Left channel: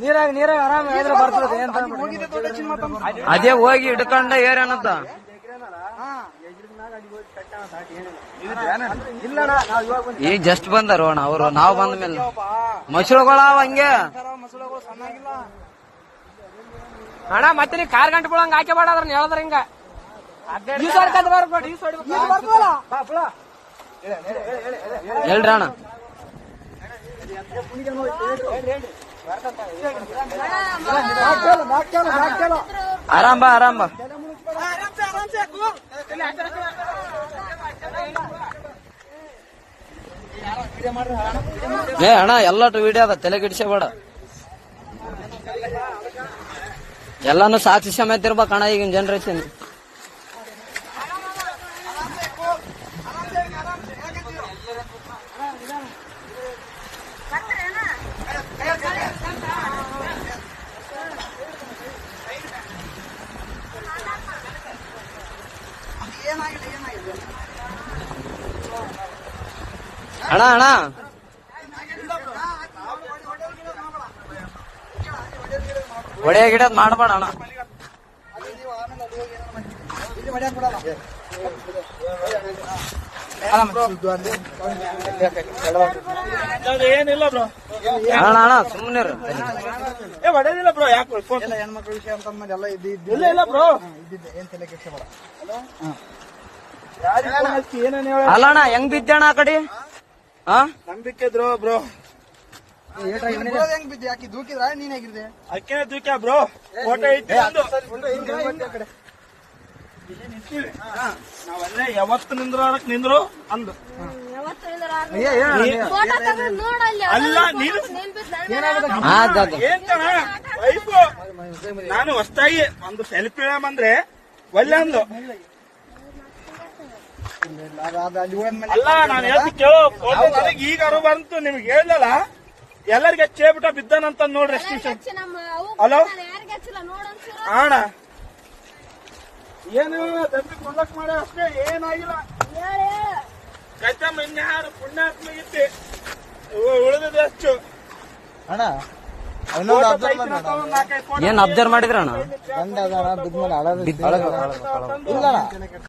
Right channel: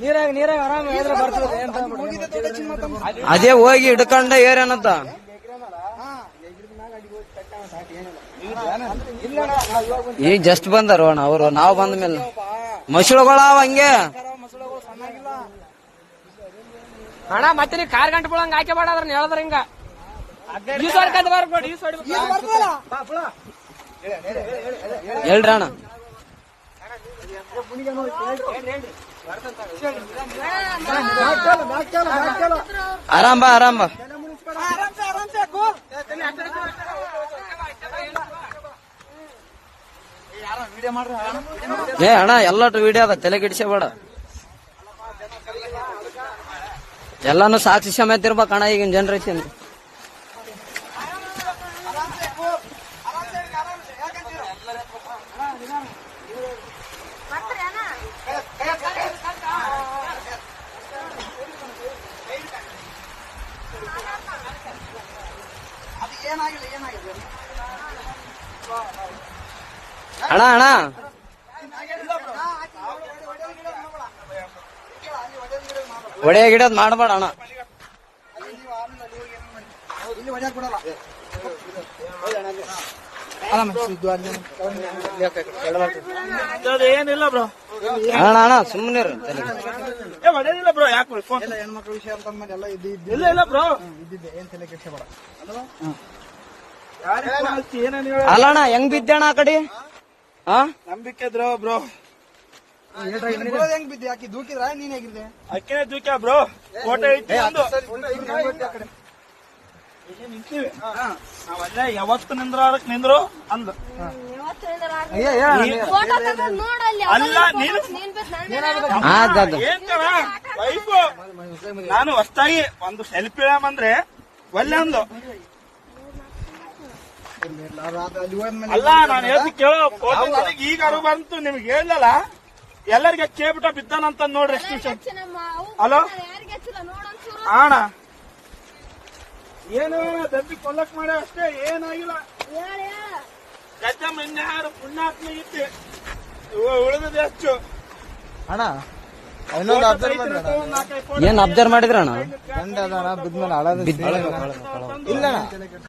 ನೀರಾಗ ಆರಾಮ ಅದೇ ಹೋಗಿ ಹಿಡ್ಕೊಂಡ ಏರೇನಂತ ಈಗ ಜಸ್ಟ್ ಬಂದಾರ ಅಣ್ಣ ಅವರು. ನಾವು ಬಂದ ಮೇಲೆ ಮಸಳುಗಳಾವ ಹಂಗೆ ಅಣ್ಣ. ಮತ್ತೆ ನೀ ಕಾರ್ ಗಂಟೆ ಬಿಡಂಗ ಹಾಕಿ ಬಾಡ್ರ ಹೇಳಿದ್ರ ಹಿಂಗ ಹೇಳ್ರಿ ಅಣ್ಣ. ಆರಾಮ್ ಬಾ ಆರಾಮ್ ಬಾ. ಏ ಅಣ್ಣ ಎಲ್ಲಟು ವಿಡಿಯೋ ಅದ, ತಲೆ ಕೆಡಿಸಬೇಡ. ಎಲ್ಲಾನು ಸಾಕ್ಷಿ ಸಮೇತ ಇರ್ಬೇಕಣ್ಣ ಈಗಿನ ಜನರೇಷನ್. ಅಣ್ಣ ಅಣ್ಣ ಒಡೆಯ ಗಿಡದ್ ಮಾಡಬೇಡ ಅಣ್ಣ. ಏನಿಲ್ಲ ಬ್ರೋ ಅಣ್ಣ ಅಣ್ಣ ಸುಮ್ಮನೆ ಹೊಡೆಯೋದಿಲ್ಲ ಬ್ರೋ. ಯಾಕೆ ಹೆಣ್ಮಕ್ಳ ವಿಷಯ ಅಂತ ಎಲ್ಲ ಇಲ್ಲ ಬ್ರೋ. ಏನ್ ತಲೆ ಕೆಡಿಸಬೇಡ. ಅಲ್ಲ ಅಣ್ಣ ಹೆಂಗ್ ಬಿದ್ದಣ ಆ ಕಡೆ? ನಂಬಿಕೆ ಇದ್ರು ಬ್ರೋ. ಹೆಂಗ್ ಬಿದ್ದೆ? ಯಾಕೆ ದೂಕಿದ್ರ ನೀನ್ ಹೇಗಿದ್ರೆ? ಅಕ್ಕೇ ದೂಕ್ಯ ಬ್ರೋ. ಫೋಟೋ ಇಟ್ಟು ನಾವಲ್ಲೇ ಯಾವತ್ತು ನಿಂದ್ರಾಡಕ್ ನಿಂದ್ರು ಅಂದು. ನಾನು ಹೊಸ್ತಾಗಿ ಒಂದು ಸೆಲ್ಫಿ ಅಂದ್ರೆ ಒಲ್ಲೆ ಅಂದು. ಅಲ್ಲ ನಾನು ಹೇಳ್ತಿ ಕೇಳೋ. ಈಗ ಅರು ಬಂತು ನಿಮ್ಗೆ ಹೇಳಲ್ಲ. ಎಲ್ಲರಿಗೆ ಕೇಳ್ಬಿಟ್ಟ ಬಿದ್ದಾನಂತ ನೋಡ್ರಿ. ಹಲೋ ಅಣ್ಣ, ಏನು ದಬ್ಬಿ ಕೊಲ್ಲಕ್ ಮಾಡ ಅಷ್ಟೇ, ಏನಾಗಿಲ್ಲ. ಕಚ್ಚಮ್ಮ ಇನ್ಯಾರು ಪುಣ್ಯಾತ್ಮ ಇದ್ದೆ ಉಳಿದ ಎಷ್ಟು ಅಣ್ಣ. ಏನ್ ಅಬ್ಸರ್ವ್ ಮಾಡಿದ್ರ ಅಣ್ಣ? ಇಲ್ಲ